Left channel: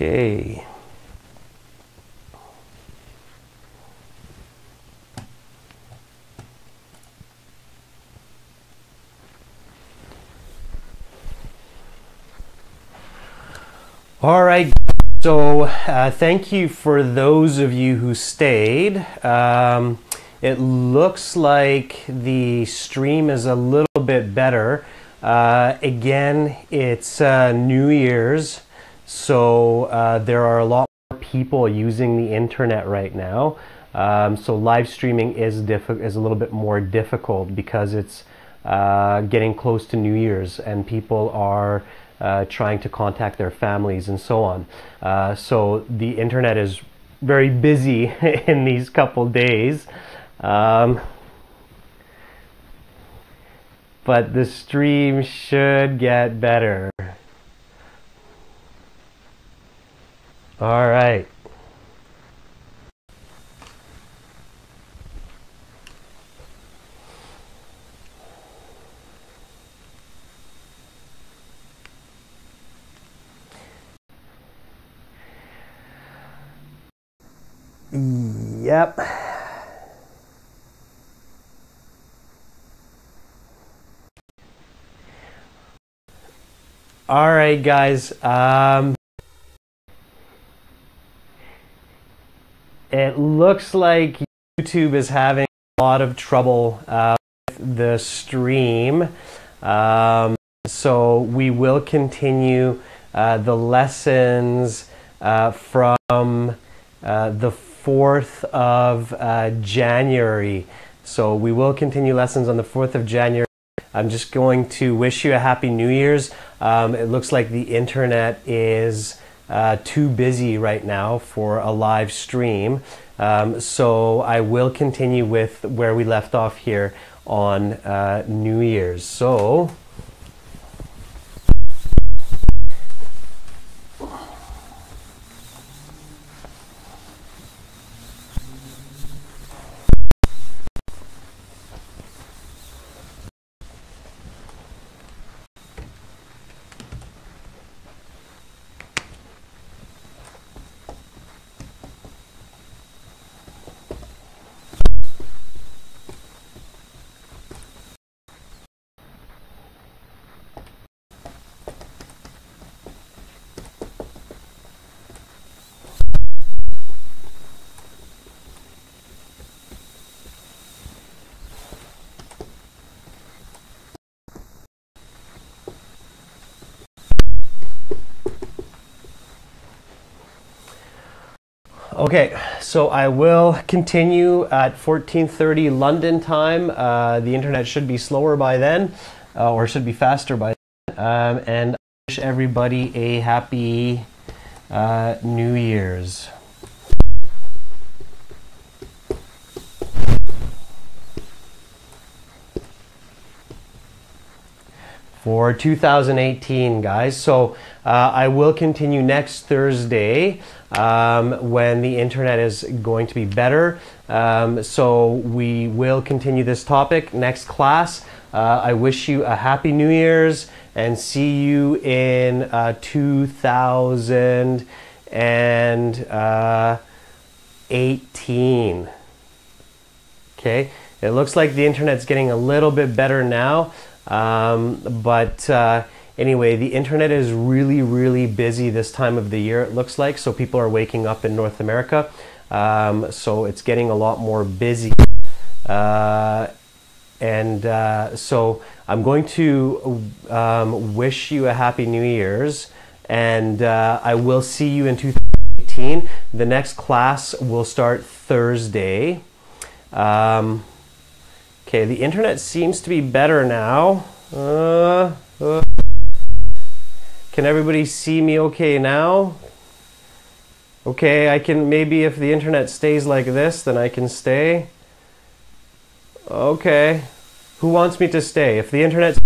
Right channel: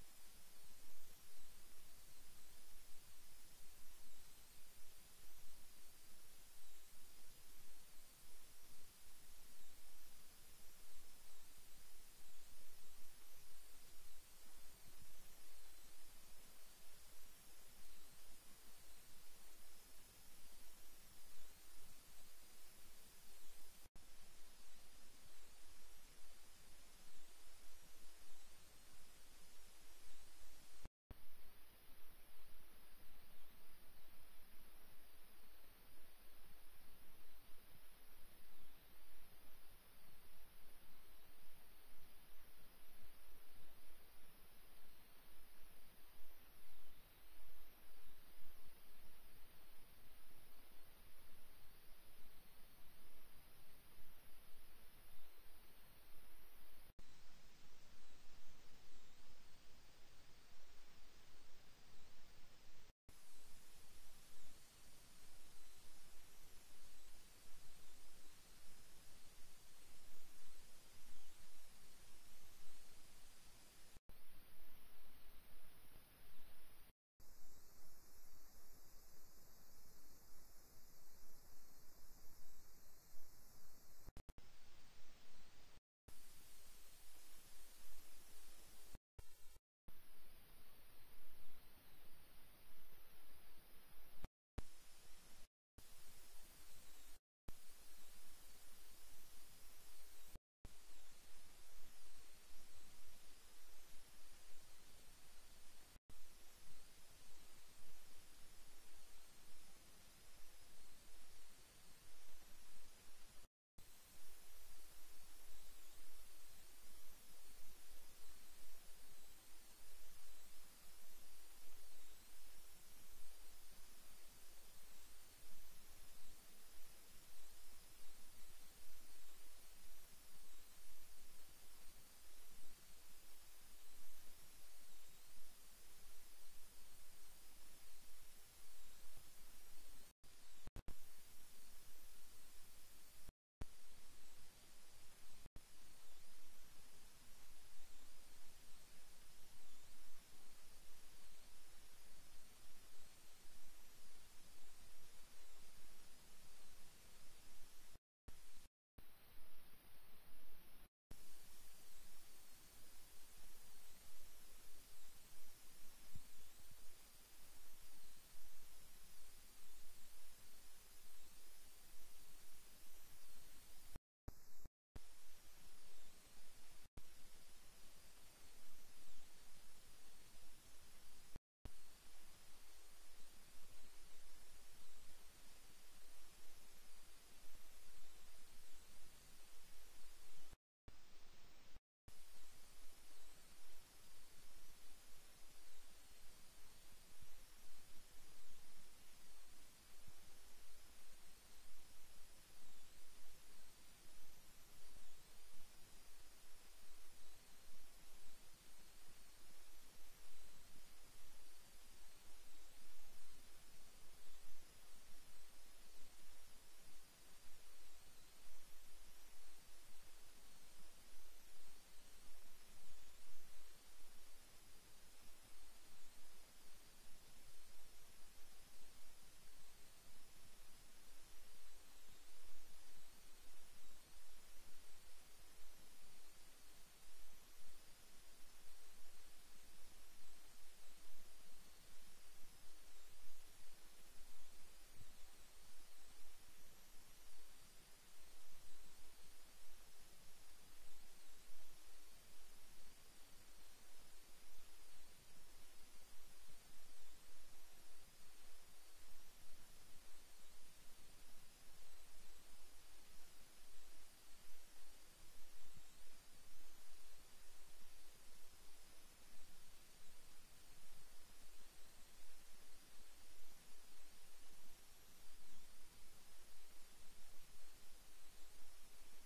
Okay. All right, so thank you for those of you who stayed. It looks like the stream is a little bit better. Again, it's New Year's, so there are a lot more people using the internet right now. So live streaming is a little bit more difficult because it's getting close to New Year's and people are trying to contact their families and so on. So the internet is very busy in these couple days. But the stream should get better. All right. Yep. All right, guys. It looks like YouTube is having a lot of trouble with the stream. So we will continue the lessons from the 4th of January. So we will continue lessons on the 4th of January. I'm just going to wish you a happy New Year's. It looks like the internet is too busy right now for a live stream. So I will continue with where we left off here on New Year's. So okay, so I will continue at 14:30 London time. The internet should be slower by then, or should be faster by then. And I wish everybody a happy New Year's. For 2018, guys. So I will continue next Thursday when the internet is going to be better. So we will continue this topic next class. I wish you a happy New Year's and see you in 2018. Okay, it looks like the internet's getting a little bit better now. But anyway, the internet is really, really busy this time of the year, it looks like. So people are waking up in North America. So it's getting a lot more busy. So I'm going to wish you a happy New Year's. And I will see you in 2018. The next class will start Thursday. Okay, the internet seems to be better now. Can everybody see me okay now? Okay, I can, maybe if the internet stays like this, then I can stay. Okay. Who wants me to stay? If the internet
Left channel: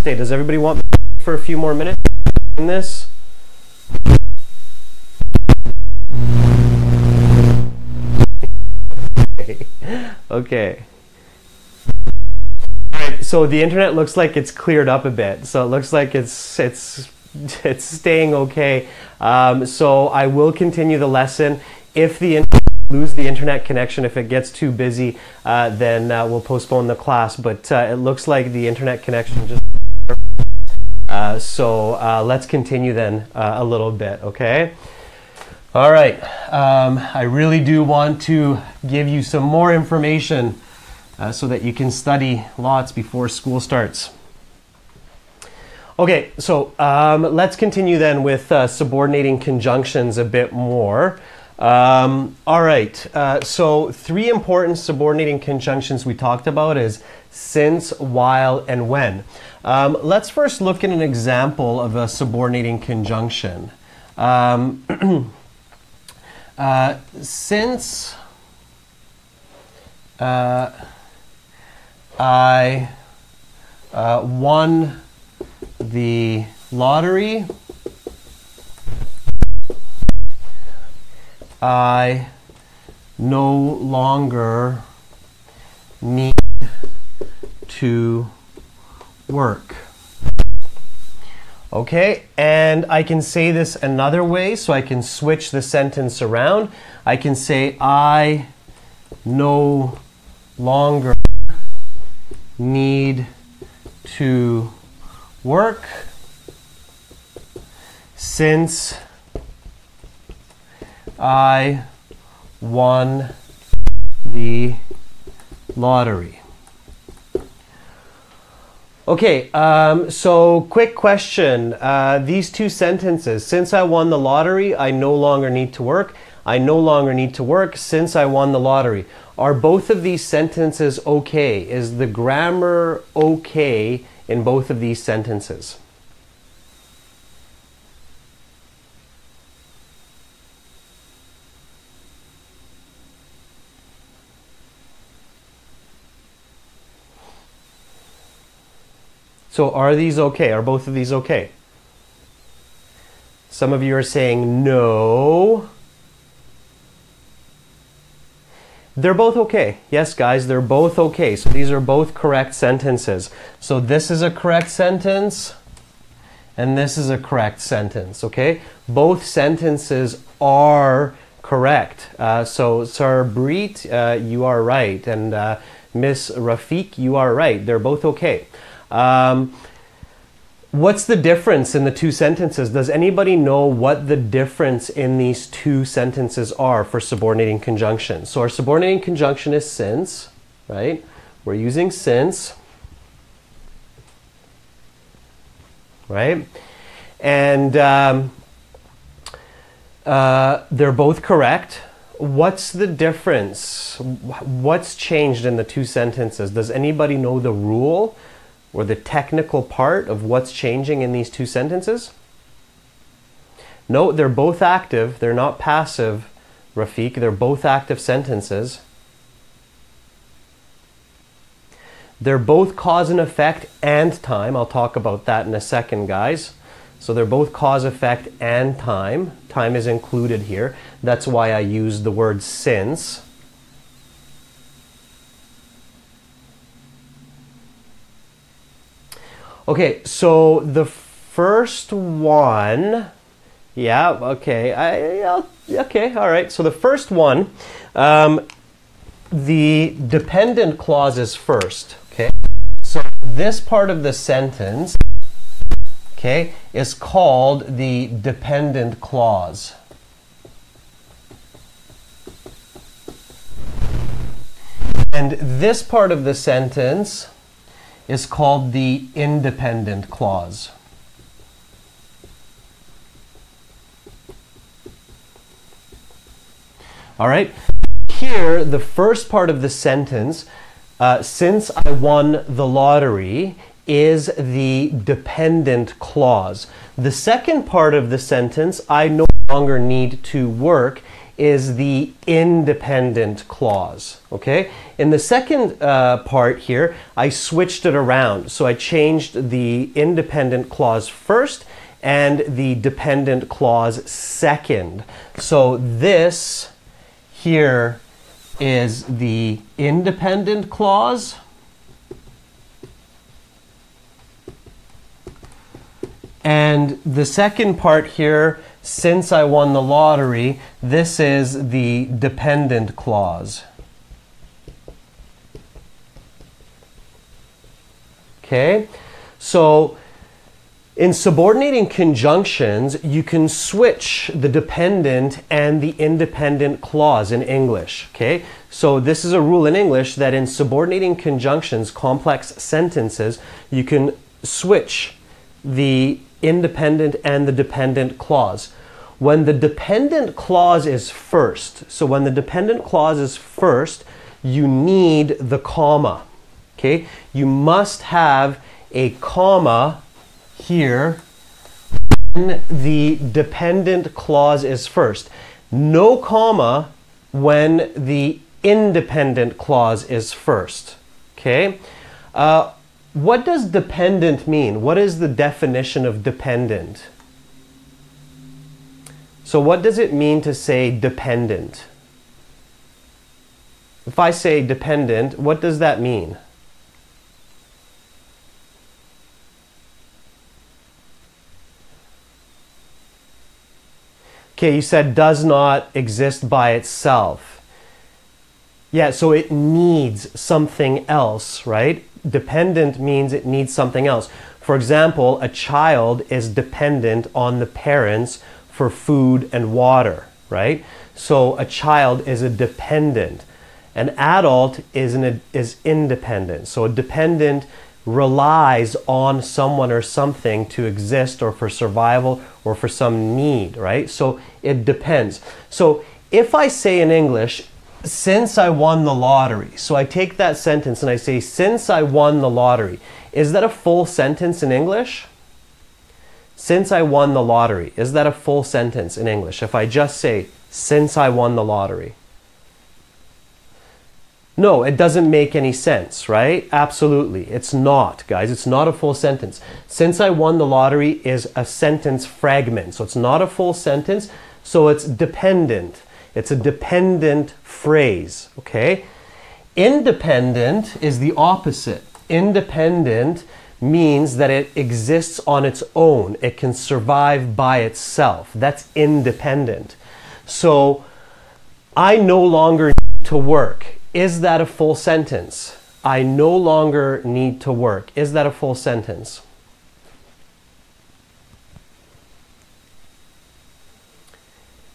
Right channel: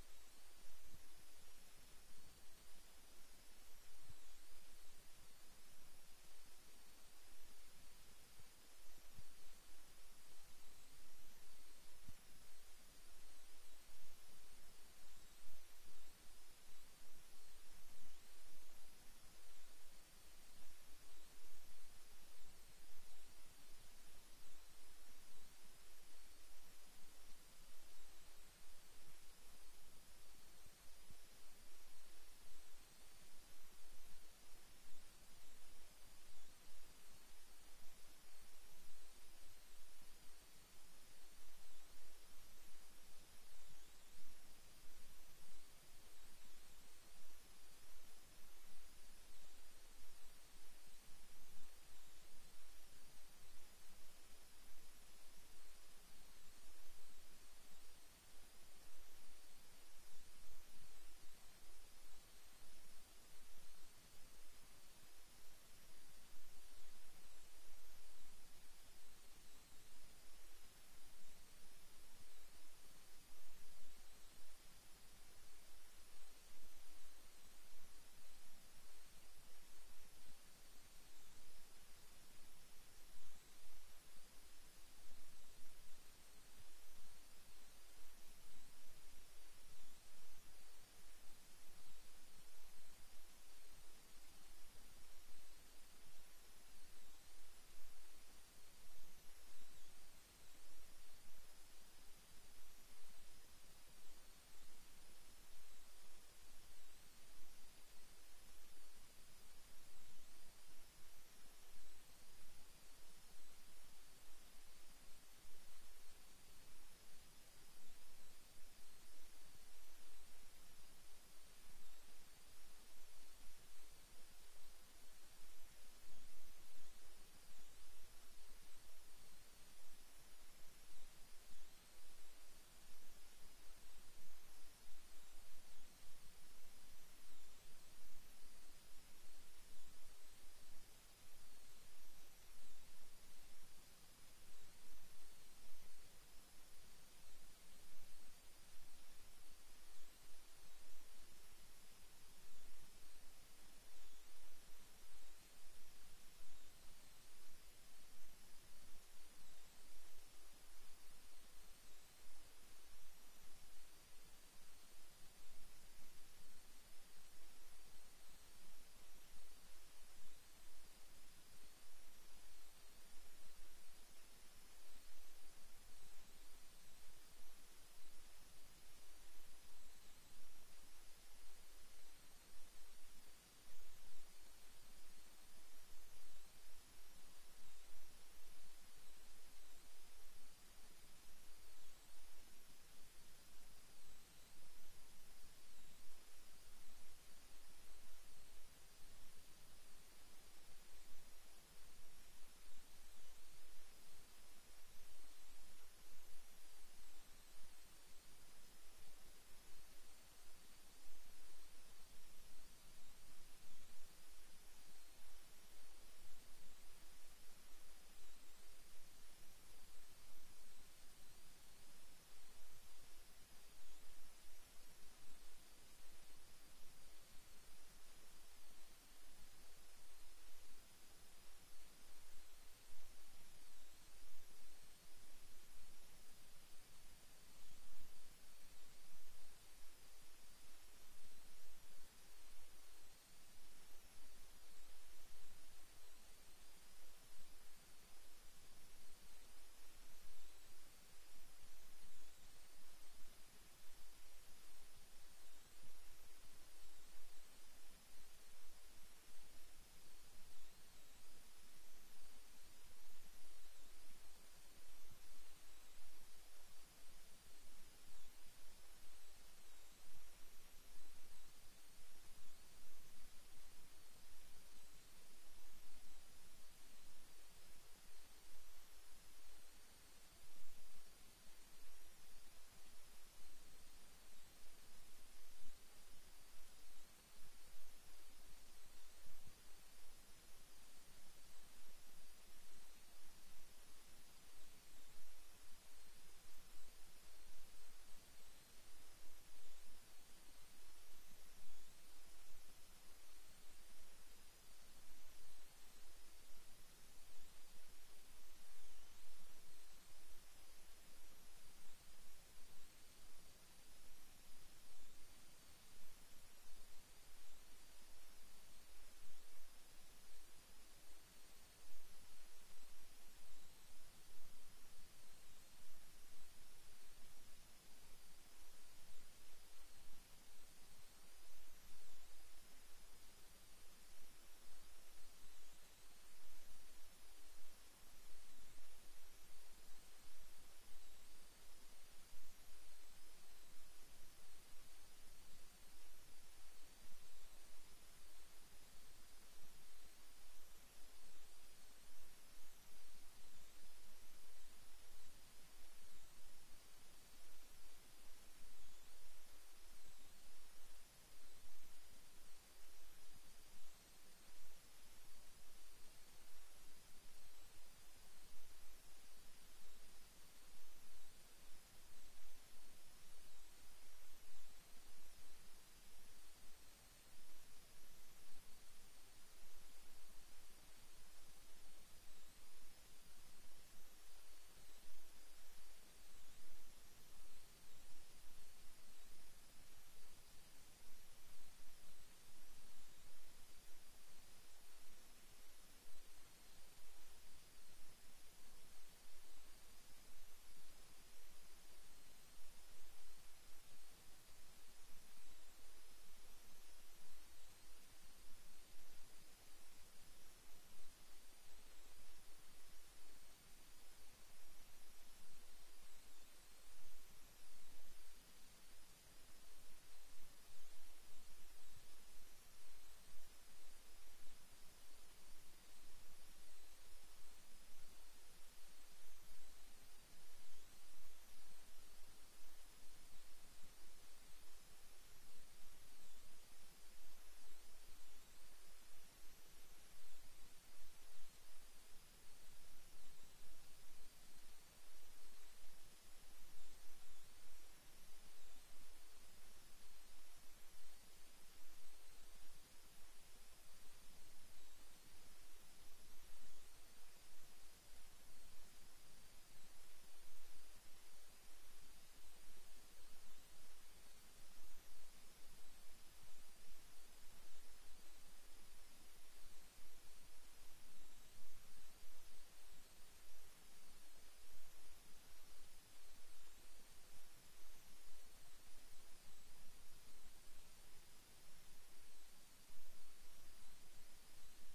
stay, does everybody want me to stay for a few more minutes in this? Okay. All right, so the internet looks like it's cleared up a bit. So it looks like it's it's staying okay. So I will continue the lesson. If lose the internet connection, if it gets too busy, then we'll postpone the class. But it looks like the internet connection just so let's continue then a little bit, okay? All right, I really do want to give you some more information so that you can study lots before school starts. Okay, so let's continue then with subordinating conjunctions a bit more. All right, so 3 important subordinating conjunctions we talked about is since, while, and when. Let's first look at an example of a subordinating conjunction. Since I won the lottery, I no longer need to work. Okay, and I can say this another way, so I can switch the sentence around. I can say I no longer need to work since I won the lottery. Okay, so quick question. These 2 sentences, since I won the lottery, I no longer need to work. I no longer need to work since I won the lottery. Are both of these sentences okay? Is the grammar okay in both of these sentences? So are these okay? Are both of these okay? Some of you are saying no. They're both okay. Yes, guys, they're both okay. So these are both correct sentences. So this is a correct sentence, and this is a correct sentence, okay? Both sentences are correct. So Sarbreet, you are right, and Miss Rafiq, you are right. They're both okay. What's the difference in the 2 sentences? Does anybody know what the difference in these 2 sentences are for subordinating conjunctions? So our subordinating conjunction is since, right? We're using since, right? And they're both correct. What's the difference? What's changed in the 2 sentences? Does anybody know the rule or the technical part of what's changing in these 2 sentences? No, they're both active. They're not passive, Rafiq. They're both active sentences. They're both cause and effect and time. I'll talk about that in a second, guys. So they're both cause, effect, and time. Time is included here. That's why I used the word since. Okay, so the first one, yeah, okay, okay, all right. So the first one, the dependent clause is first, okay? So this part of the sentence, okay, is called the dependent clause. And this part of the sentence is called the independent clause. All right, here the first part of the sentence, since I won the lottery, is the dependent clause. The second part of the sentence, I no longer need to work, is the independent clause, okay? In the second part here, I switched it around. So I changed the independent clause first and the dependent clause second. So this here is the independent clause, And the second part here, since I won the lottery, this is the dependent clause. Okay, so in subordinating conjunctions, you can switch the dependent and the independent clause in English, okay? So this is a rule in English that in subordinating conjunctions, complex sentences, you can switch the independent and the dependent clause. When the dependent clause is first, so when the dependent clause is first, you need the comma, okay? You must have a comma here when the dependent clause is first. No comma when the independent clause is first, okay? What does dependent mean? What is the definition of dependent? So what does it mean to say dependent? If I say dependent, what does that mean? Okay, you said does not exist by itself. Yeah, so it needs something else, right? Dependent means it needs something else. For example, a child is dependent on the parents for food and water, right? So a child is a dependent. An adult is independent. So a dependent relies on someone or something to exist or for survival or for some need, right? So it depends. So if I say in English, since I won the lottery, so I take that sentence and I say, since I won the lottery, is that a full sentence in English? Since I won the lottery, is that a full sentence in English? If I just say, since I won the lottery. No, it doesn't make any sense, right? Absolutely. It's not, guys. It's not a full sentence. Since I won the lottery is a sentence fragment. So it's not a full sentence. So it's dependent. It's a dependent phrase, okay? Independent is the opposite. Independent means that it exists on its own. It can survive by itself. That's independent. So I no longer need to work. Is that a full sentence? I no longer need to work. Is that a full sentence?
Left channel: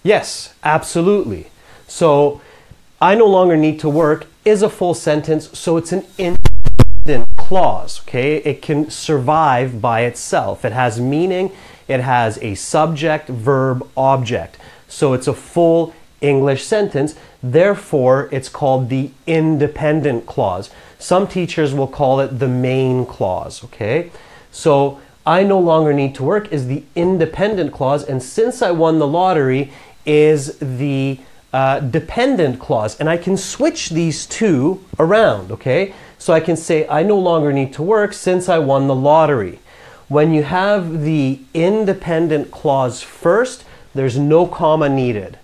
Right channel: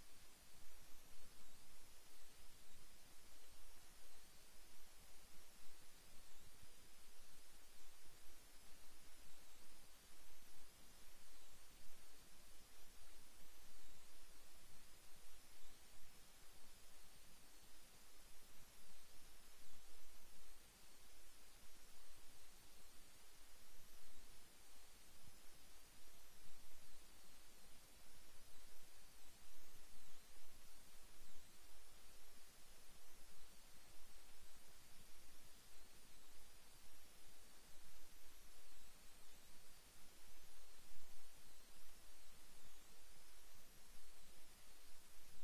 Yes, absolutely. So I no longer need to work is a full sentence, so it's an independent clause, okay? It can survive by itself. It has meaning. It has a subject, verb, object. So it's a full English sentence. Therefore, it's called the independent clause. Some teachers will call it the main clause, okay? So I no longer need to work is the independent clause, and since I won the lottery is the dependent clause. And I can switch these two around, okay? So I can say I no longer need to work since I won the lottery. When you have the independent clause first, there's no comma needed.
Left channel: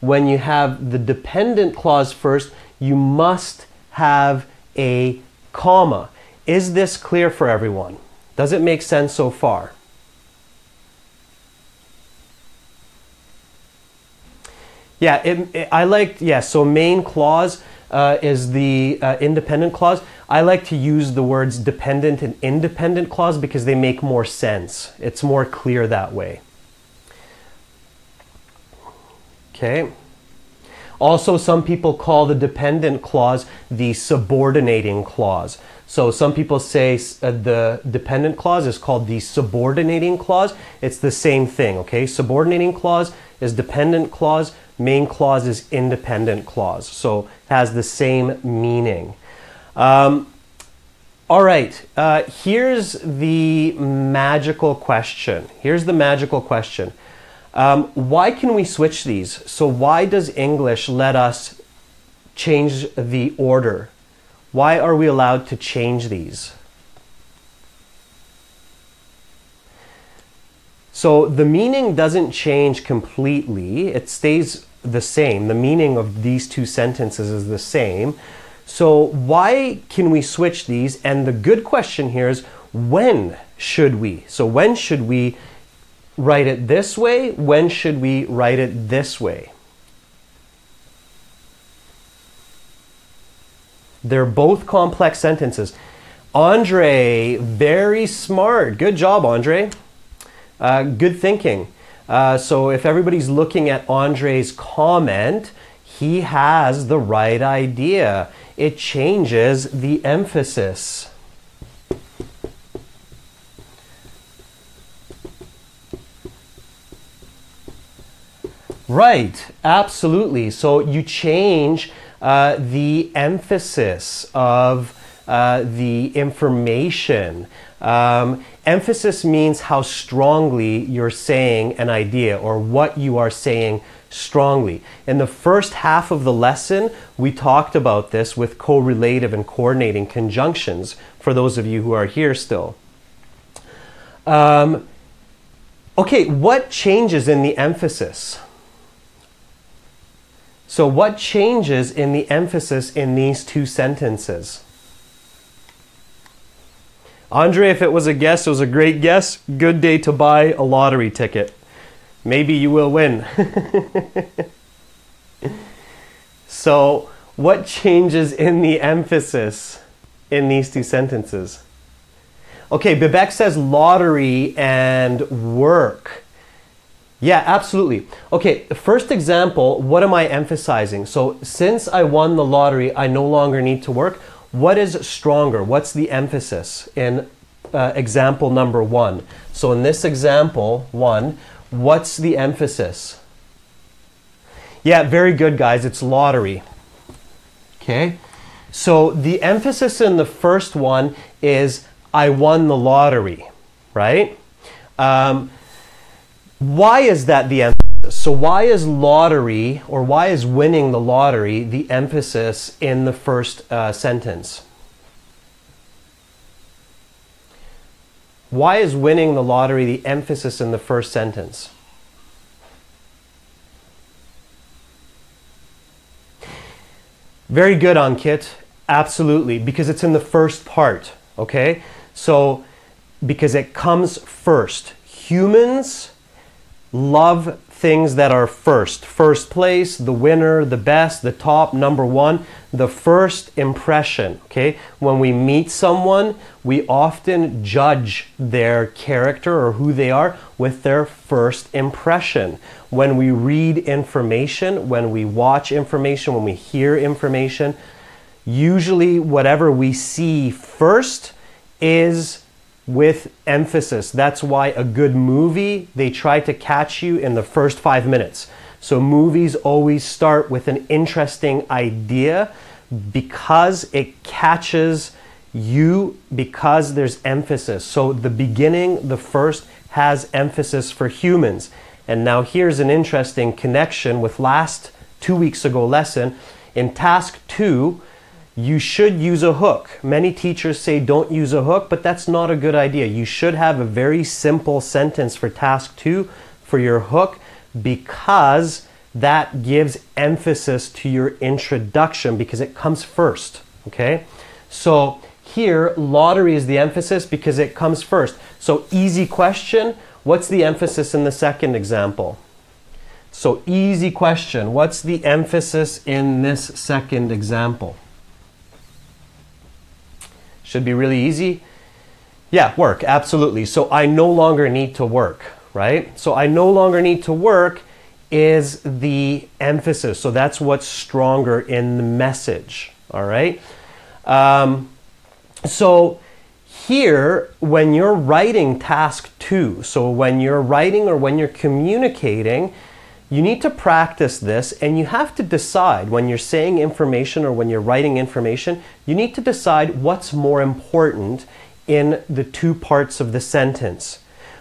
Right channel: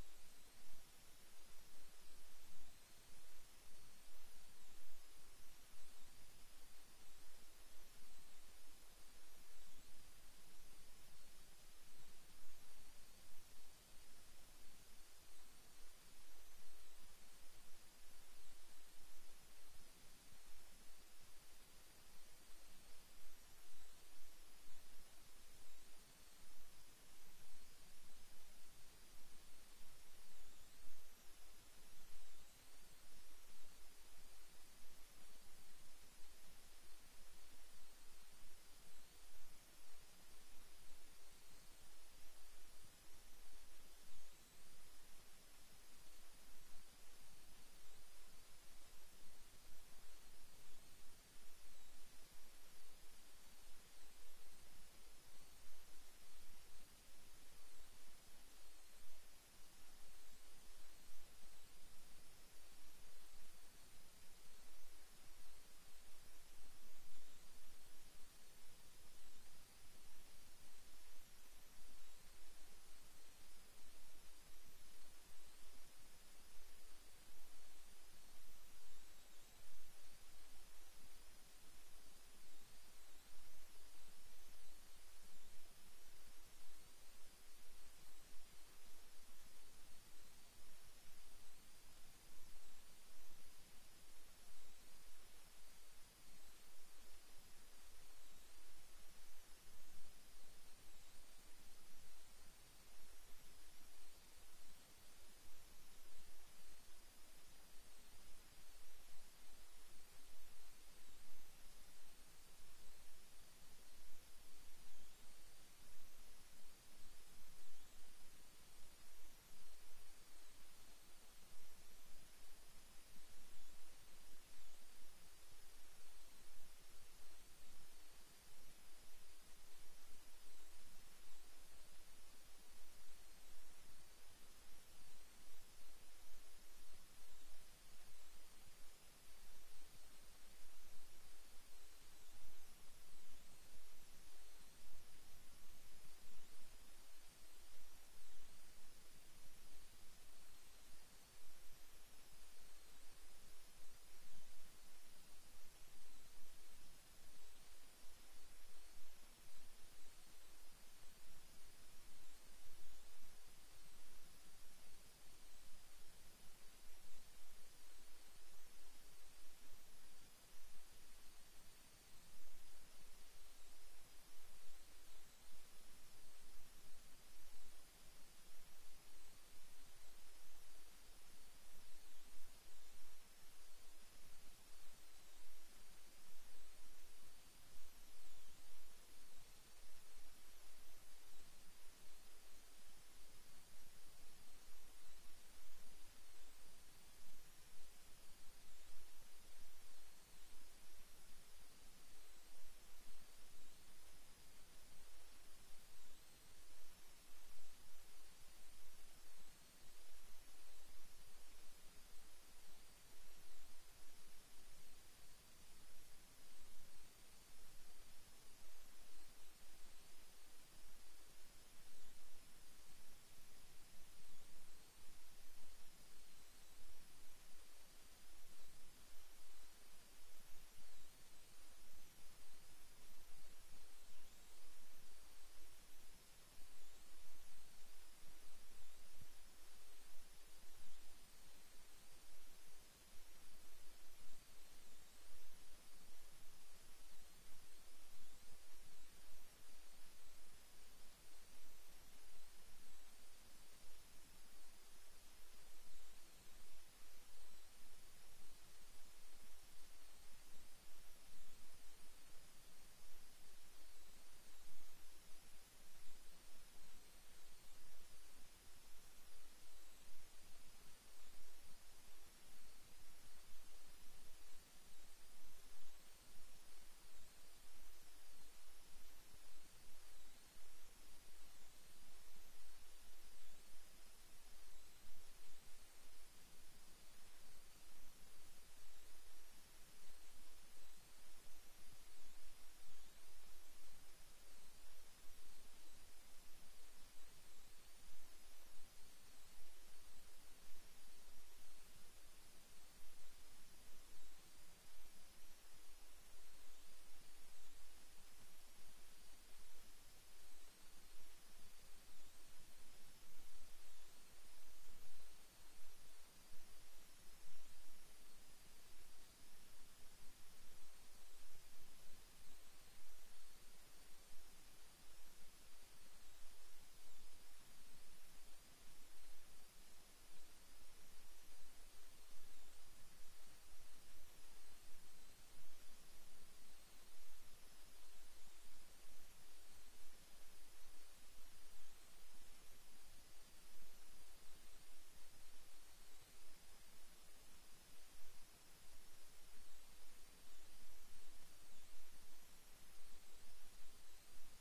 When you have the dependent clause first, you must have a comma. Is this clear for everyone? Does it make sense so far? Yeah, I like, yeah, so main clause is the independent clause. I like to use the words dependent and independent clause because they make more sense. It's more clear that way. Okay. Also, some people call the dependent clause the subordinating clause. So some people say the dependent clause is called the subordinating clause. It's the same thing, okay? Subordinating clause is dependent clause. Main clause is independent clause. So it has the same meaning. All right, here's the magical question. Here's the magical question. Why can we switch these? So why does English let us change the order? Why are we allowed to change these? So the meaning doesn't change completely. It stays the same. The meaning of these two sentences is the same. So why can we switch these? And the good question here is, when should we? So when should we write it this way? When should we write it this way? They're both complex sentences. Andre, very smart. Good job, Andre. Good thinking. So if everybody's looking at Andre's comment, he has the right idea. It changes the emphasis. Right, absolutely. So you change the emphasis of the information. Emphasis means how strongly you're saying an idea or what you are saying strongly. In the first half of the lesson, we talked about this with correlative and coordinating conjunctions, for those of you who are here still. Okay, what changes in the emphasis? So what changes in the emphasis in these two sentences? Andre, if it was a guess, it was a great guess. Good day to buy a lottery ticket. Maybe you will win. So what changes in the emphasis in these two sentences? Okay, Bibek says lottery and work. Yeah, absolutely. Okay, the first example, what am I emphasizing? So since I won the lottery, I no longer need to work. What is stronger? What's the emphasis in example number 1? So in this example 1, what's the emphasis? Yeah, very good, guys. It's lottery. Okay, so the emphasis in the first one is I won the lottery, right? Why is that the emphasis? So why is lottery, or why is winning the lottery the emphasis in the first sentence? Why is winning the lottery the emphasis in the first sentence? Very good, Ankit. Absolutely, because it's in the first part, okay? So, because it comes first. Humans love things that are first. First place, the winner, the best, the top, number one, the first impression, okay? When we meet someone, we often judge their character or who they are with their first impression. When we read information, when we watch information, when we hear information, usually whatever we see first is with emphasis. That's why a good movie, they try to catch you in the first 5 minutes. So movies always start with an interesting idea because it catches you, because there's emphasis. So the beginning, the first, has emphasis for humans. And now here's an interesting connection with last 2 weeks ago lesson. In task 2, you should use a hook. Many teachers say don't use a hook, but that's not a good idea. You should have a very simple sentence for task 2 for your hook, because that gives emphasis to your introduction, because it comes first, okay? So here, lottery is the emphasis because it comes first. So easy question, what's the emphasis in the second example? So easy question, what's the emphasis in this second example? Should be really easy. Yeah, work, absolutely. So I no longer need to work, right? So I no longer need to work is the emphasis. So that's what's stronger in the message, all right? So here, when you're writing task 2, so when you're writing or when you're communicating, you need to practice this, and you have to decide when you're saying information or when you're writing information, you need to decide what's more important in the two parts of the sentence.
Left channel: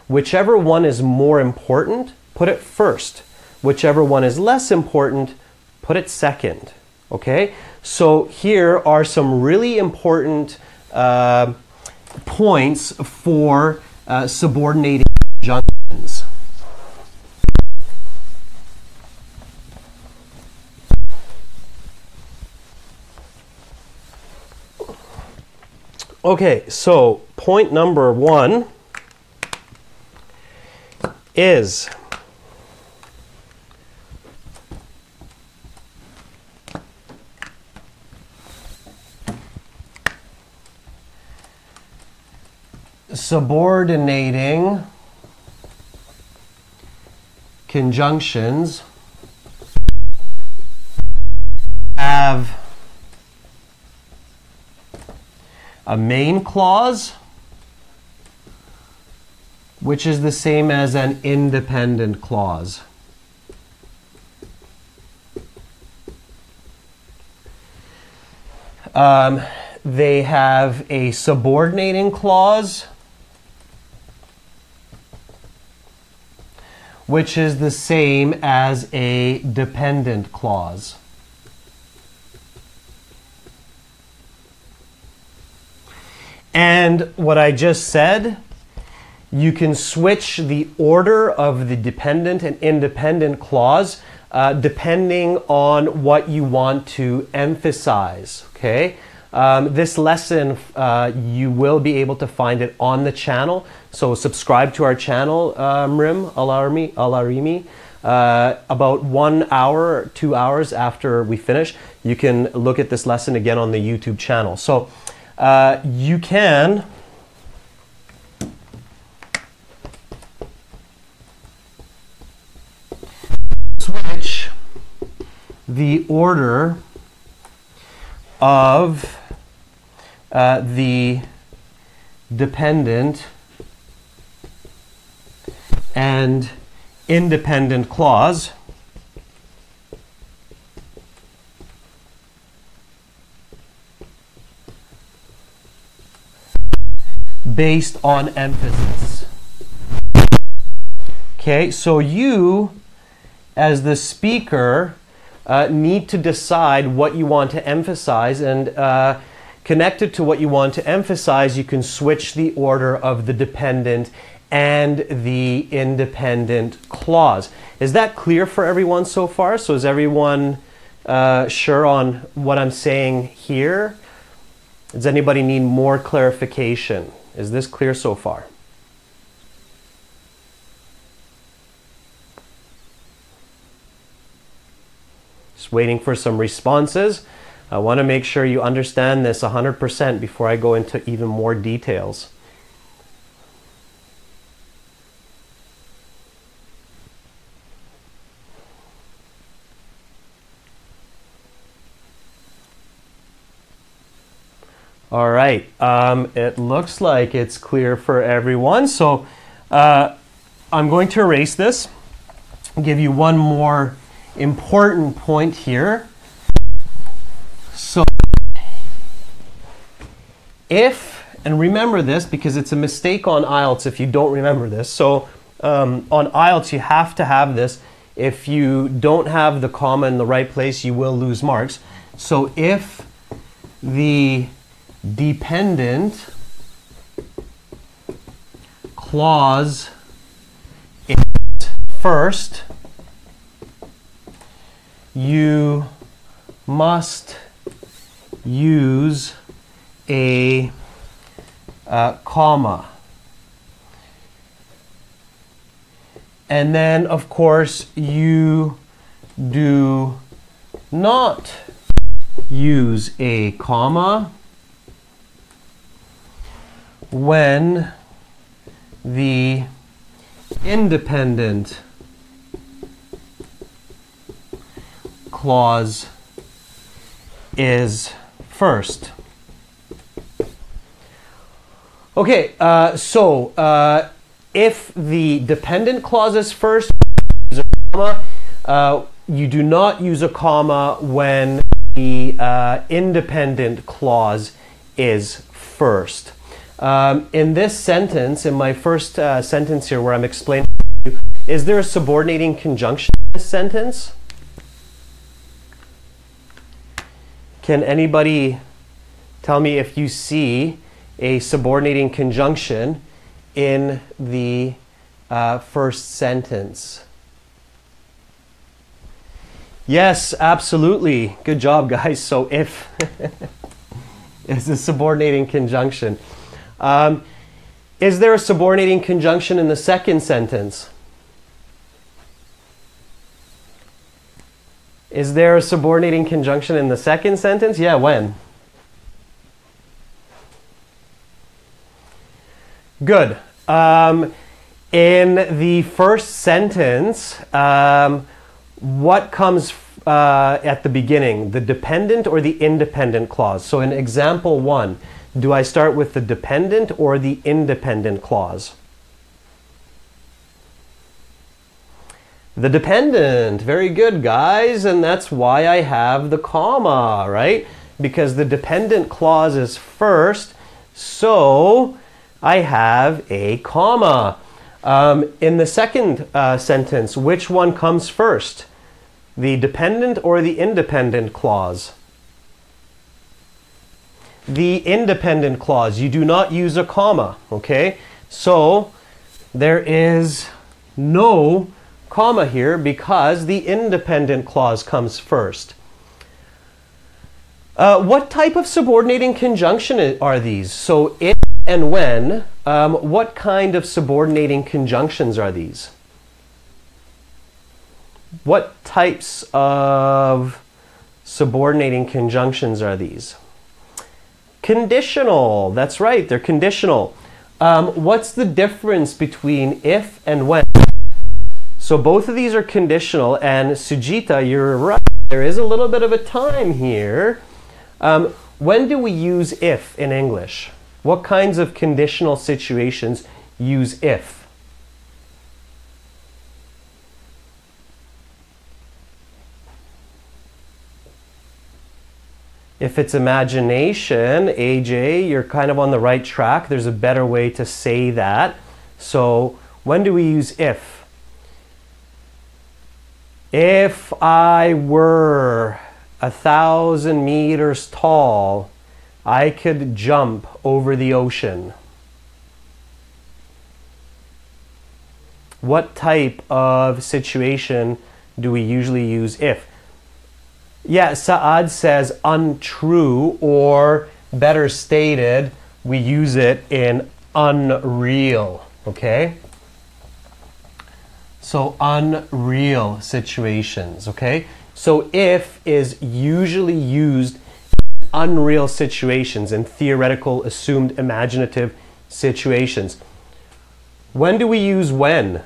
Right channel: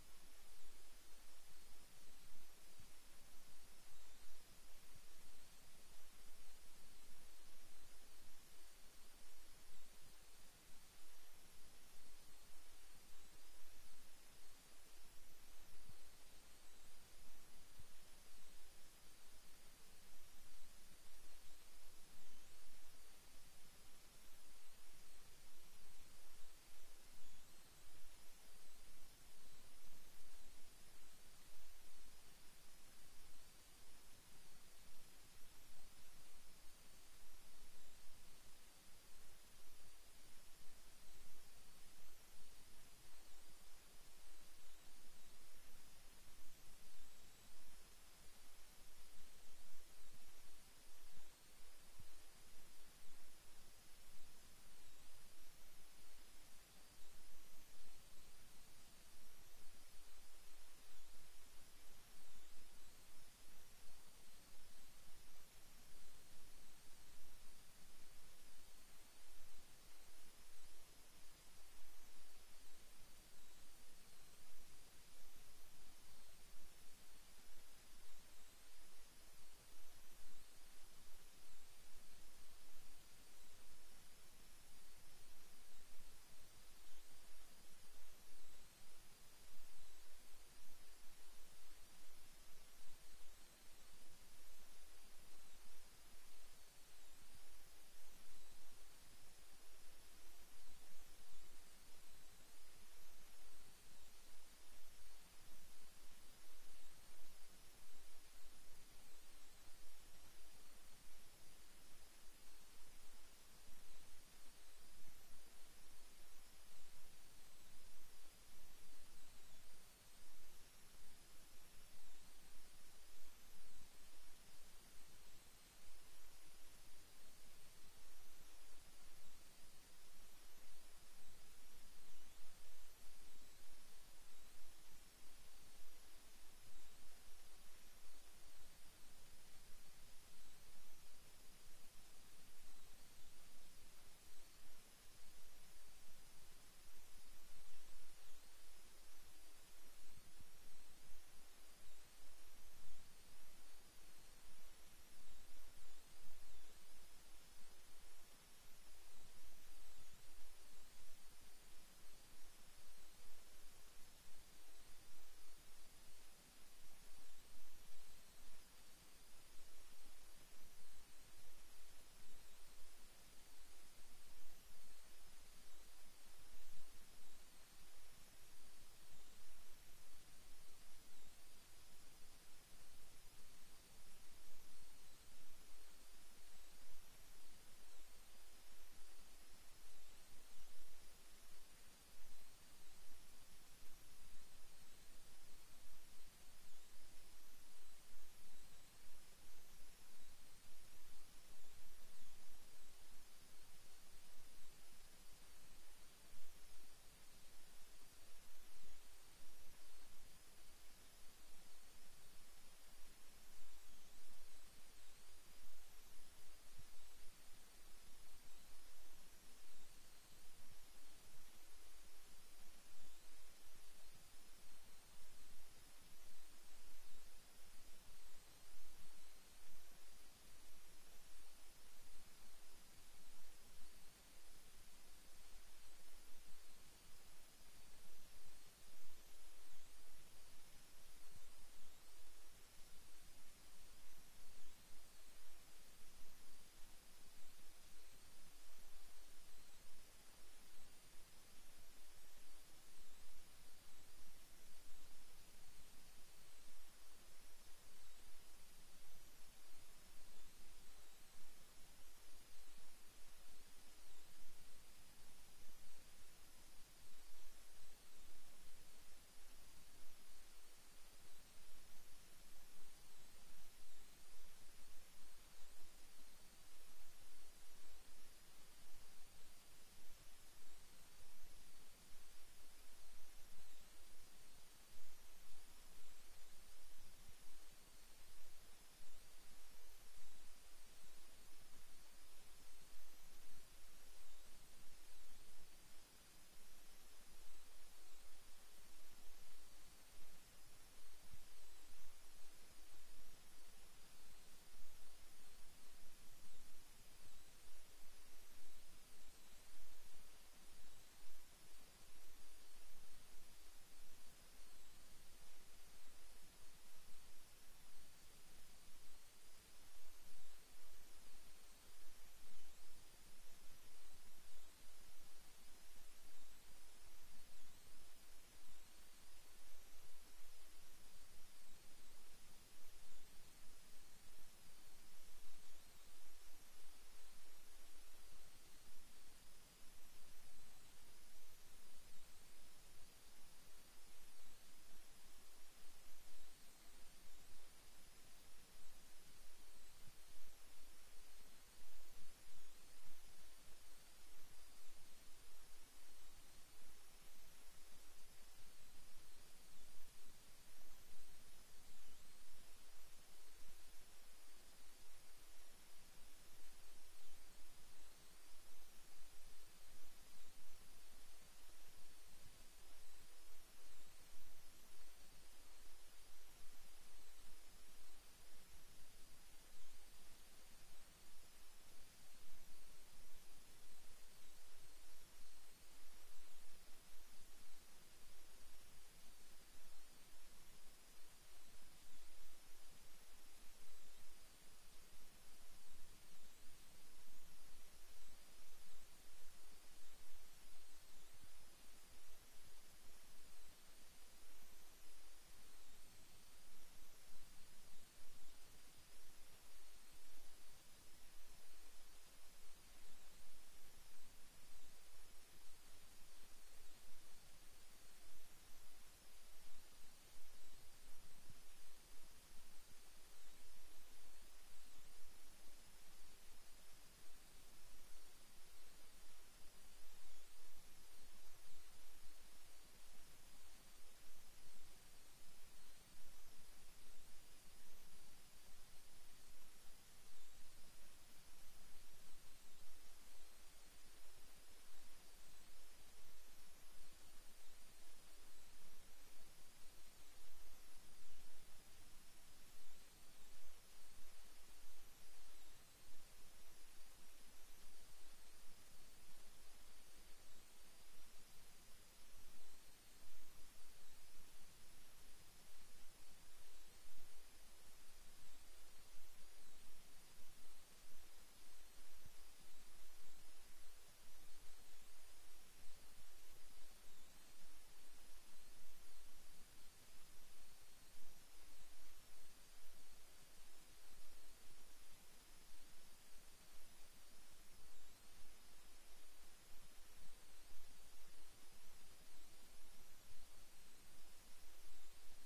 Whichever one is more important, put it first. Whichever one is less important, put it second, okay? So here are some really important points for subordinating conjunctions. Okay, so point number 1 is. Subordinating conjunctions have a main clause, which is the same as an independent clause. They have a subordinating clause, which is the same as a dependent clause. And what I just said, you can switch the order of the dependent and independent clause depending on what you want to emphasize, okay? This lesson, you will be able to find it on the channel. So subscribe to our channel, Alarimi. About 1 hour, 2 hours after we finish, you can look at this lesson again on the YouTube channel. So you can switch the order of the dependent and independent clause based on emphasis. Okay, so you, as the speaker, need to decide what you want to emphasize, and connected to what you want to emphasize, you can switch the order of the dependent and the independent clause. Is that clear for everyone so far? So is everyone sure on what I'm saying here? Does anybody need more clarification? Is this clear so far? Just waiting for some responses. I want to make sure you understand this 100% before I go into even more details. All right, it looks like it's clear for everyone. So I'm going to erase this and give you one more important point here. So if, and remember this because it's a mistake on IELTS if you don't remember this. So on IELTS you have to have this. If you don't have the comma in the right place, you will lose marks. So if the dependent clause is first, you must use a comma. And then, of course, you do not use a comma when the independent clause is first. Okay, if the dependent clause is first, use a comma. You do not use a comma when the independent clause is first. In this sentence, in my first sentence here where I'm explaining to you, is there a subordinating conjunction in this sentence? Can anybody tell me if you see a subordinating conjunction in the first sentence? Yes, absolutely. Good job, guys. So if is a subordinating conjunction. Is there a subordinating conjunction in the second sentence? Is there a subordinating conjunction in the second sentence? Yeah, when? Good. In the first sentence, what comes at the beginning? The dependent or the independent clause? So in example 1, do I start with the dependent or the independent clause? The dependent. Very good, guys. And that's why I have the comma, right? Because the dependent clause is first, so I have a comma. In the second sentence, which one comes first? The dependent or the independent clause? The independent clause. You do not use a comma, okay? So there is no comma here because the independent clause comes first. What type of subordinating conjunction are these? So if and when, what kind of subordinating conjunctions are these? What types of subordinating conjunctions are these? Conditional. That's right, they're conditional. What's the difference between if and when? So both of these are conditional, and Sujita, you're right. There is a little bit of a time here. When do we use if in English? What kinds of conditional situations use if? If it's imagination, AJ, you're kind of on the right track. There's a better way to say that. So when do we use if? If I were 1,000 meters tall, I could jump over the ocean. What type of situation do we usually use if? Yeah, Saad says untrue, or better stated, we use it in unreal, okay? So unreal situations, okay? So if is usually used in unreal situations, in theoretical, assumed, imaginative situations. When do we use when?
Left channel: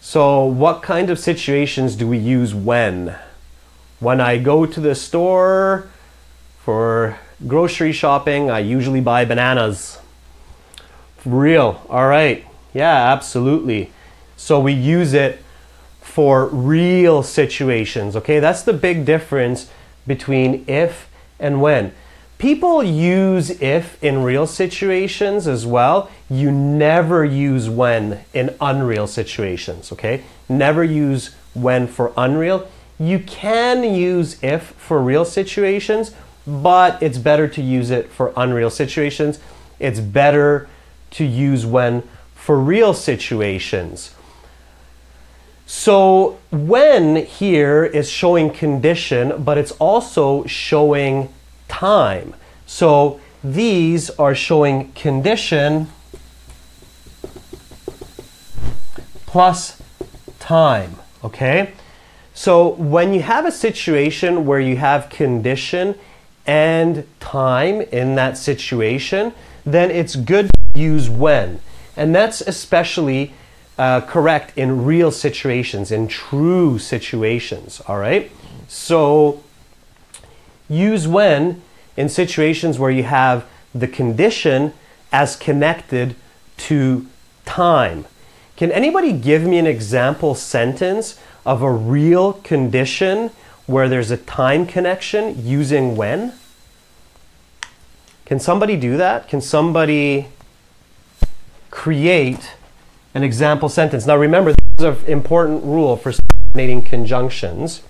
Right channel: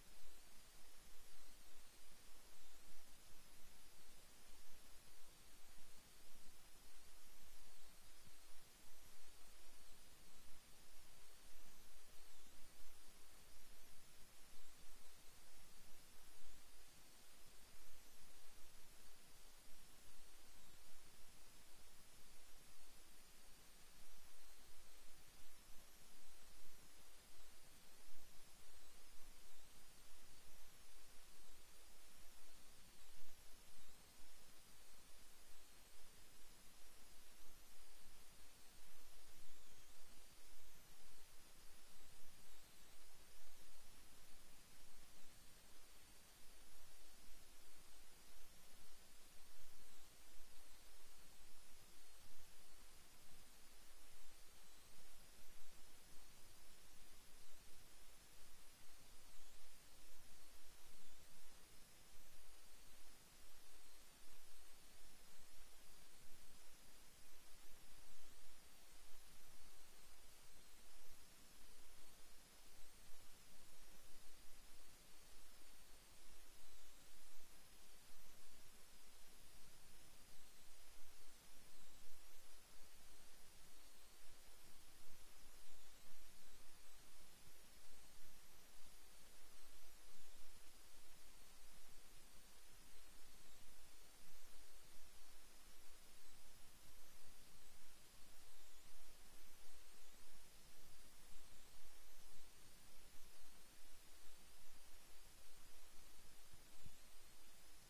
So what kind of situations do we use when? When I go to the store for grocery shopping, I usually buy bananas. Real, all right. Yeah, absolutely. So we use it for real situations, okay? That's the big difference between if and when. People use if in real situations as well. You never use when in unreal situations, okay? Never use when for unreal. You can use if for real situations, but it's better to use it for unreal situations. It's better to use when for real situations. So when here is showing condition, but it's also showing time. So these are showing condition plus time, okay? So when you have a situation where you have condition and time in that situation, then it's good to use when. And that's especially correct in real situations, in true situations, all right? So use when in situations where you have the condition as connected to time. Can anybody give me an example sentence of a real condition where there's a time connection using when? Can somebody do that? Can somebody create an example sentence? Now remember, this is an important rule for subordinating conjunctions.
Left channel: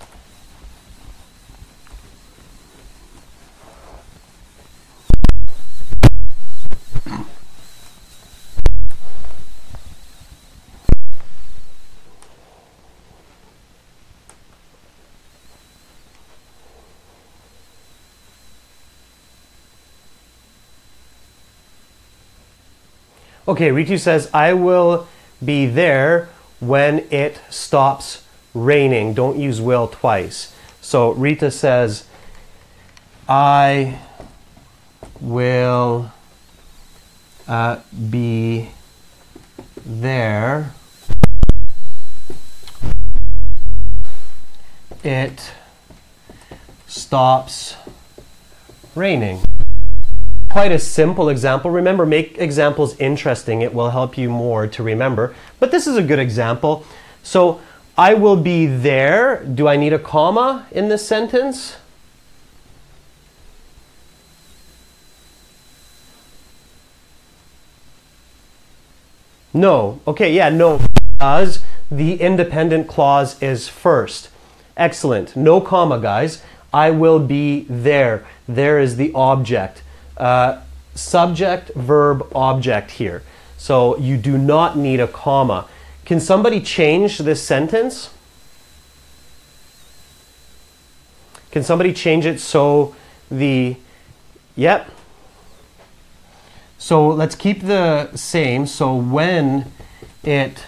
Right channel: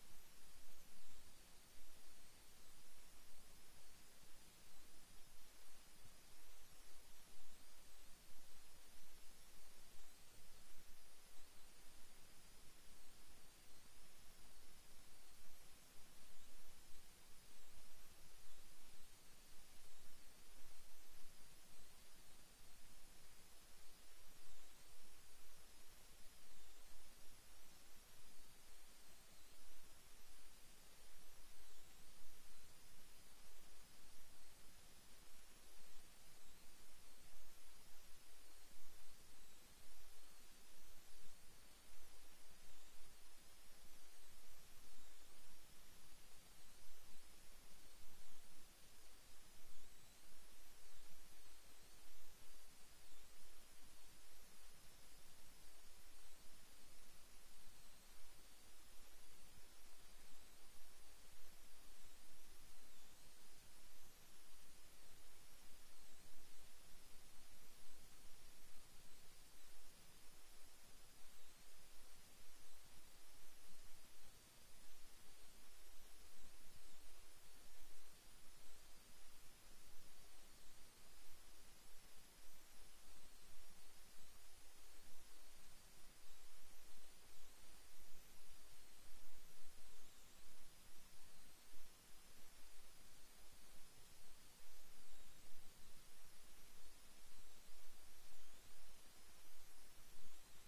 Okay, Ritu says, I will be there when it stops raining. Don't use will twice. So Rita says, I will be there. It stops raining. Quite a simple example. Remember, make examples interesting. It will help you more to remember. But this is a good example. So, I will be there. Do I need a comma in this sentence? No. Okay, yeah, no. Because the independent clause is first. Excellent. No comma, guys. I will be there. There is the object. Subject, verb, object here. So you do not need a comma. Can somebody change this sentence? Can somebody change it so the... Yep. So let's keep the same. So when it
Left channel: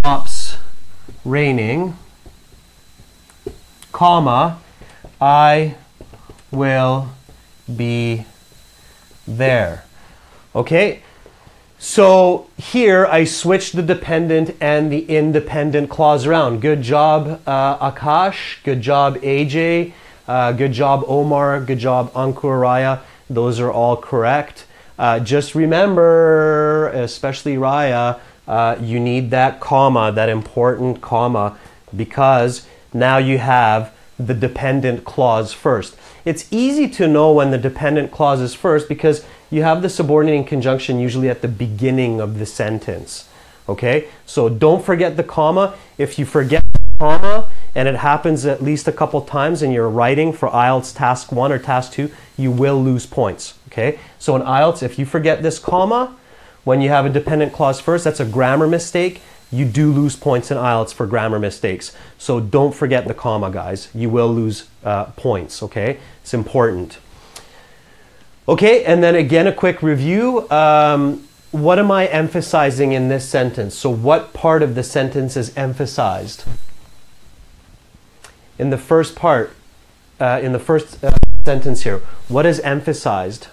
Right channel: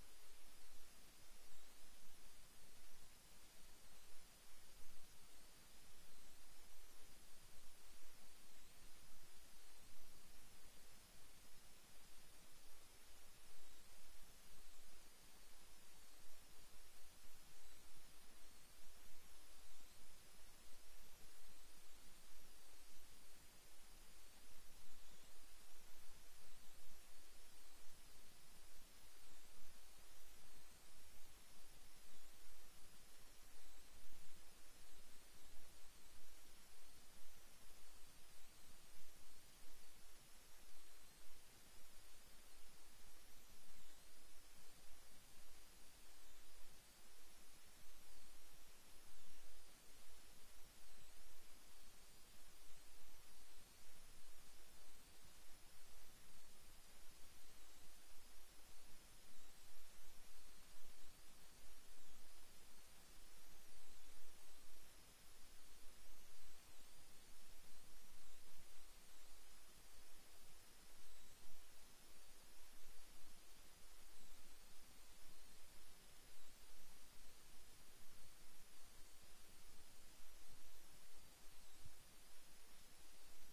stops raining, comma, I will be there. Okay? So here I switched the dependent and the independent clause around. Good job, Akash. Good job, AJ. Good job, Omar. Good job, Ankur Raya. Those are all correct. Just remember, especially Raya, you need that comma, that important comma, because now you have the dependent clause first. It's easy to know when the dependent clause is first because you have the subordinating conjunction usually at the beginning of the sentence. Okay? So don't forget the comma. If you forget the comma, and it happens at least a couple times in your writing for IELTS Task 1 or Task 2, you will lose points. Okay? So in IELTS, if you forget this comma, when you have a dependent clause first, that's a grammar mistake. You do lose points in IELTS for grammar mistakes. So don't forget the comma, guys. You will lose points, okay? It's important. Okay, and then again, a quick review. What am I emphasizing in this sentence? So what part of the sentence is emphasized? In the first part, in the first sentence here, what is emphasized?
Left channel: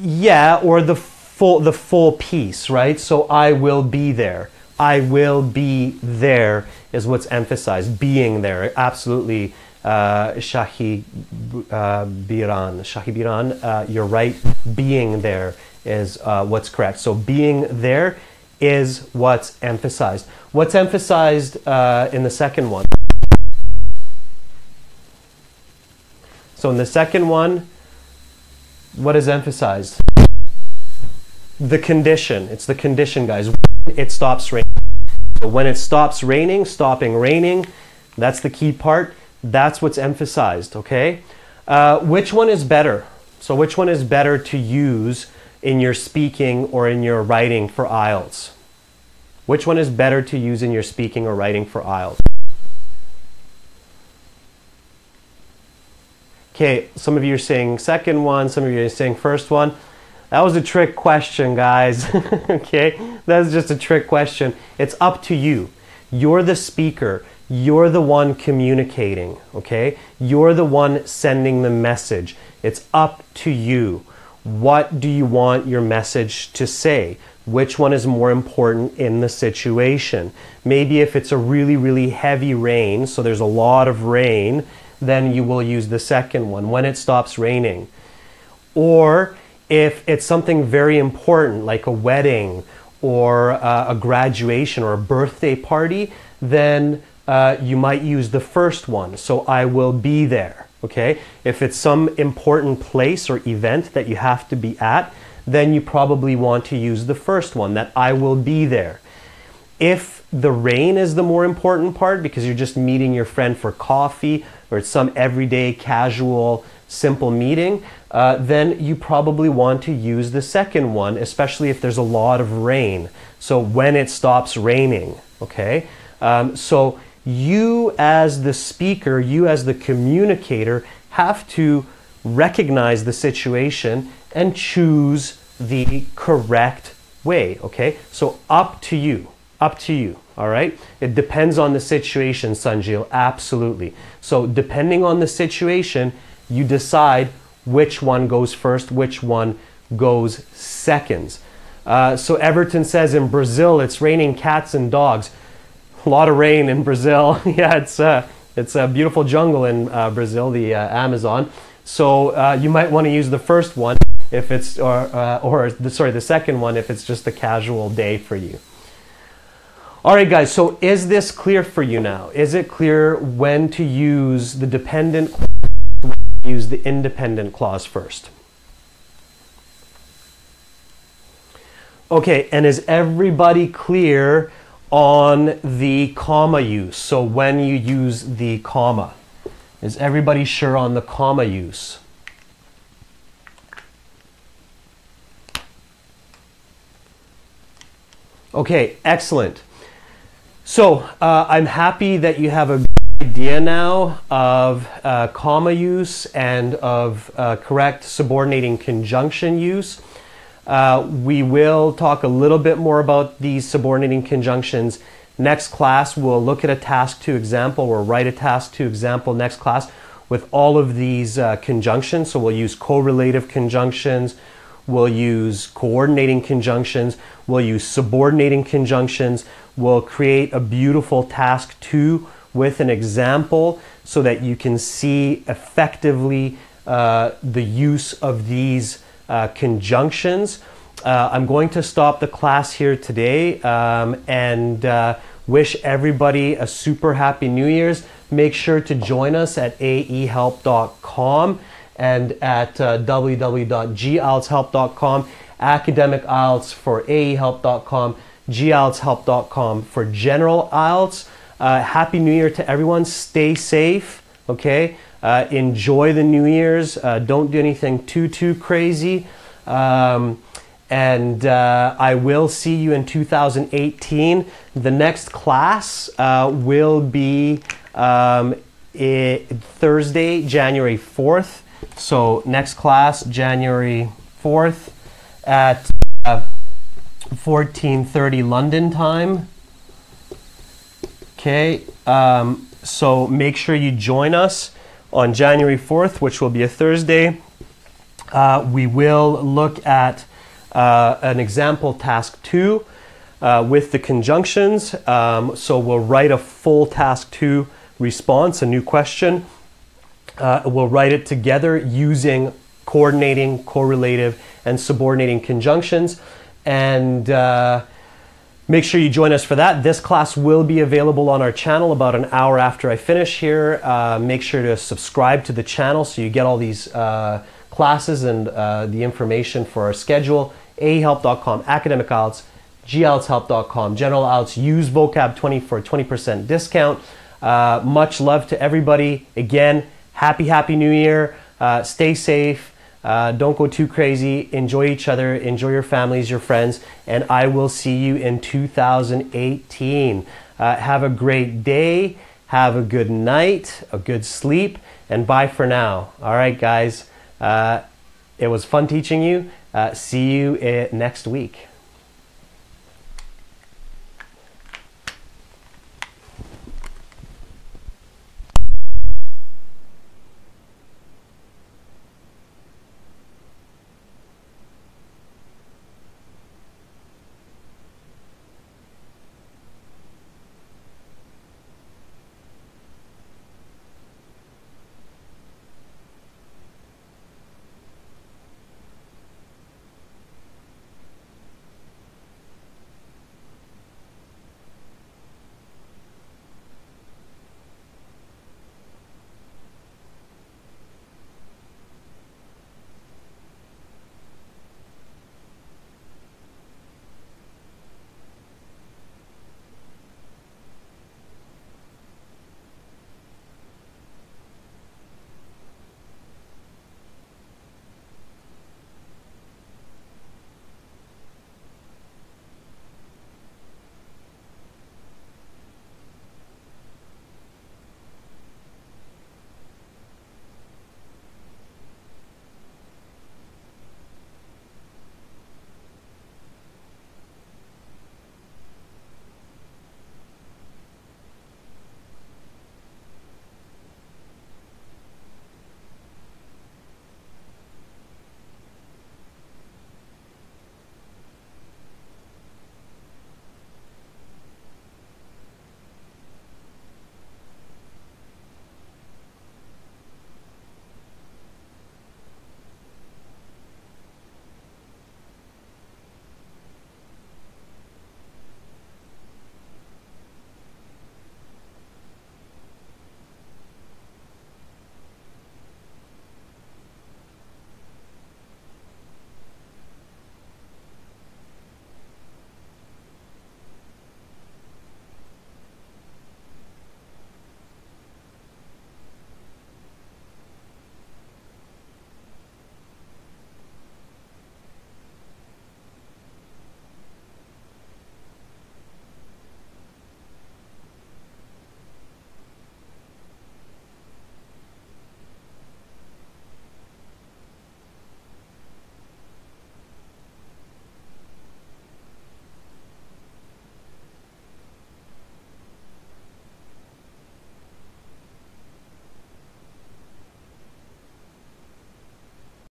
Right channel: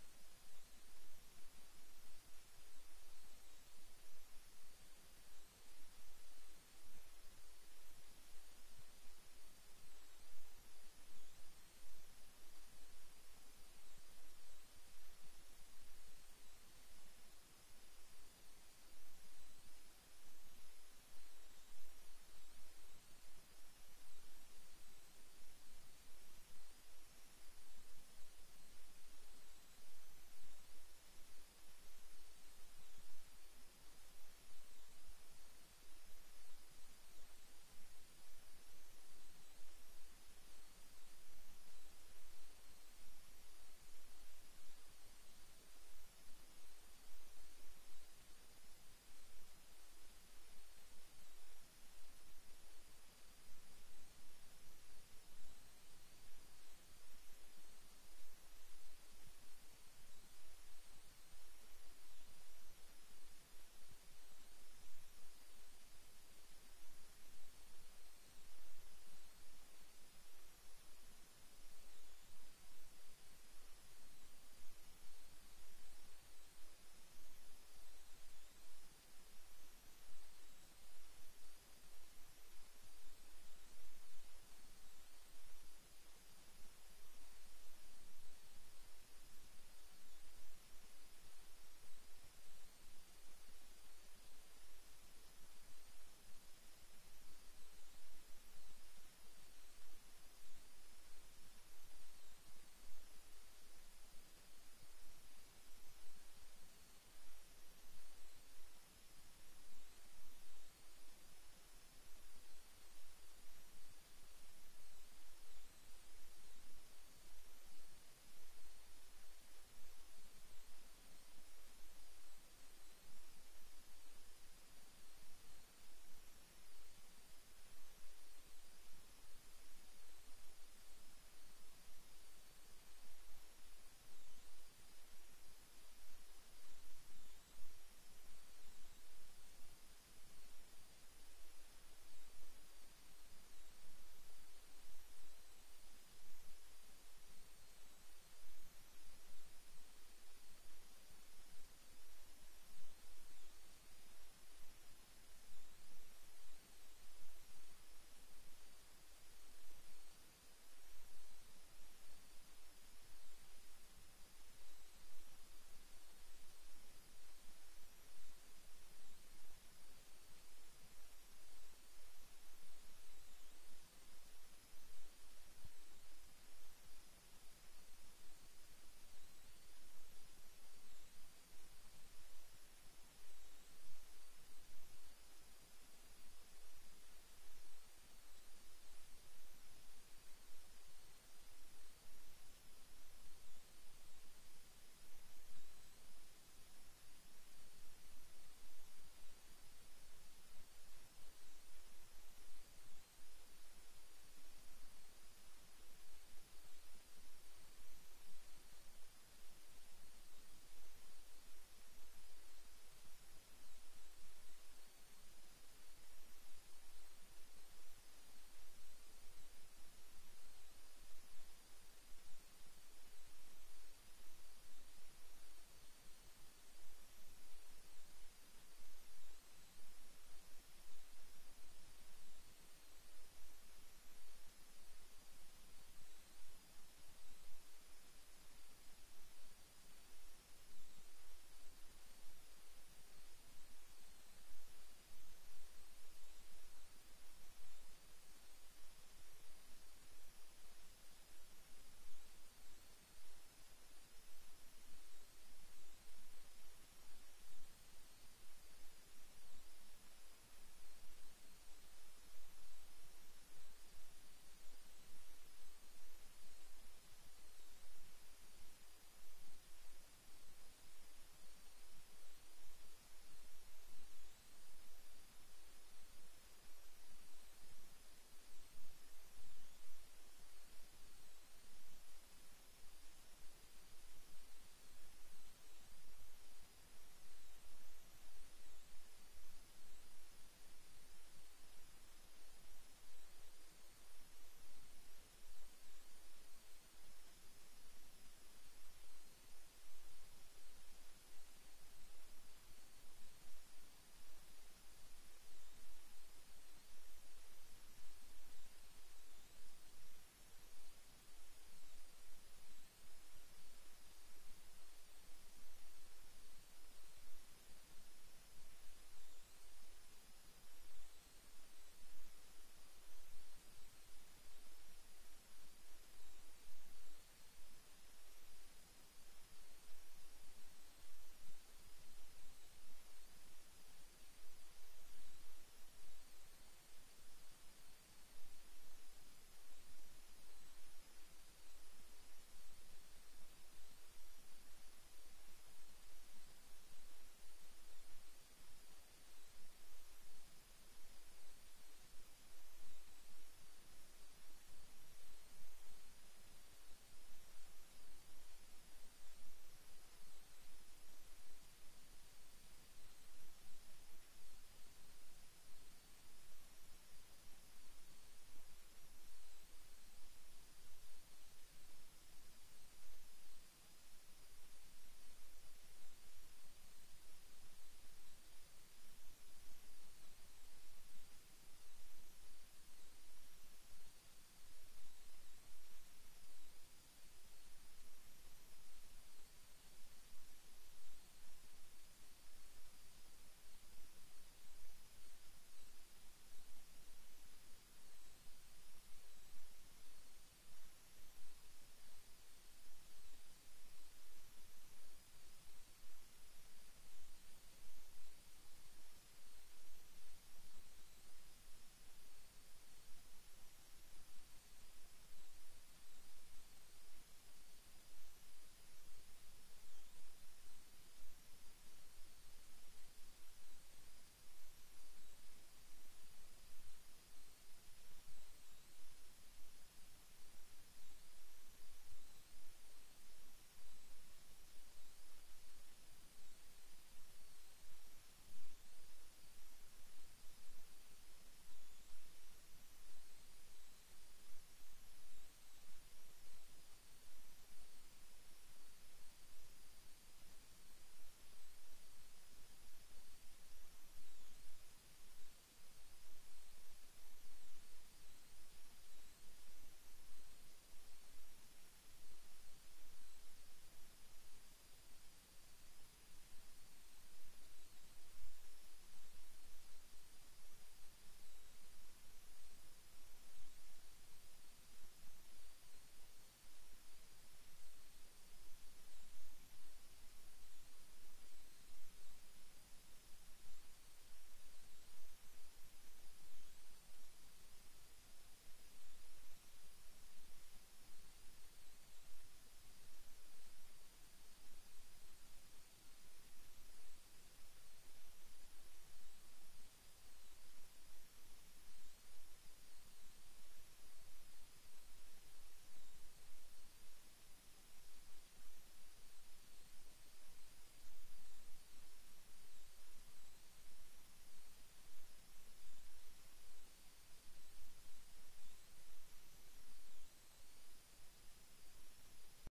Yeah, or the full piece, right? So I will be there. I will be there is what's emphasized. Being there, absolutely. Shahi Biran, you're right. Being there is what's correct. So being there is what's emphasized. What's emphasized in the second one? So in the second one, what is emphasized? The condition. It's the condition, guys. It stops raining. So when it stops raining, stopping raining, that's the key part. That's what's emphasized, okay? Which one is better? So which one is better to use in your speaking or in your writing for IELTS? Which one is better to use in your speaking or writing for IELTS? Okay, some of you are saying second one, some of you are saying first one. That was a trick question, guys. Okay, that's just a trick question. It's up to you. You're the speaker. You're the one communicating, okay? You're the one sending the message. It's up to you. What do you want your message to say? Which one is more important in the situation? Maybe if it's a really, really heavy rain, so there's a lot of rain, then you will use the second one, when it stops raining. Or if it's something very important, like a wedding or a graduation or a birthday party, then you might use the first one. So I will be there, okay? If it's some important place or event that you have to be at, then you probably want to use the first one, that I will be there. If the rain is the more important part because you're just meeting your friend for coffee or it's some everyday casual simple meeting, then you probably want to use the second one, especially if there's a lot of rain. So when it stops raining, okay? So you as the speaker, you as the communicator have to recognize the situation and choose the correct way, okay? So up to you. Up to you, all right? It depends on the situation, Sanjil, absolutely. So depending on the situation, you decide which one goes first, which one goes second. So Everton says in Brazil, it's raining cats and dogs. A lot of rain in Brazil. Yeah, it's a beautiful jungle in Brazil, the Amazon. So you might want to use the first one if it's, the second one if it's just a casual day for you. All right, guys, so is this clear for you now? Is it clear when to use the dependent clause, when to use the independent clause first? Okay, and is everybody clear on the comma use? So when you use the comma, is everybody sure on the comma use? Okay, excellent. So I'm happy that you have a good idea now of comma use and of correct subordinating conjunction use. We will talk a little bit more about these subordinating conjunctions. Next class, we'll look at a task 2 example or write a task 2 example next class with all of these conjunctions. So we'll use correlative conjunctions, we'll use coordinating conjunctions, we'll use subordinating conjunctions. We'll create a beautiful task 2 with an example so that you can see effectively the use of these conjunctions. I'm going to stop the class here today and wish everybody a super happy New Year's. Make sure to join us at aehelp.com and at www.gieltshelp.com, academic IELTS for aehelp.com, gieltshelp.com for general IELTS. Happy New Year to everyone. Stay safe, okay? Enjoy the New Year's. Don't do anything too crazy. And I will see you in 2018. The next class will be Thursday, January 4th. So next class, January 4th at 14:30 London time. Okay, so make sure you join us on January 4th, which will be a Thursday. We will look at an example task 2 with the conjunctions. So we'll write a full task 2 response, a new question. We'll write it together using coordinating, correlative, and subordinating conjunctions. And make sure you join us for that. This class will be available on our channel about an hour after I finish here. Make sure to subscribe to the channel so you get all these classes and the information for our schedule. aehelp.com, academic IELTS, gieltshelp.com, general IELTS. Use vocab20 for a 20% discount. Much love to everybody. Again, happy New Year. Stay safe. Don't go too crazy. Enjoy each other. Enjoy your families, your friends. And I will see you in 2018. Have a great day. Have a good night, a good sleep, and bye for now. All right, guys. It was fun teaching you. See you next week.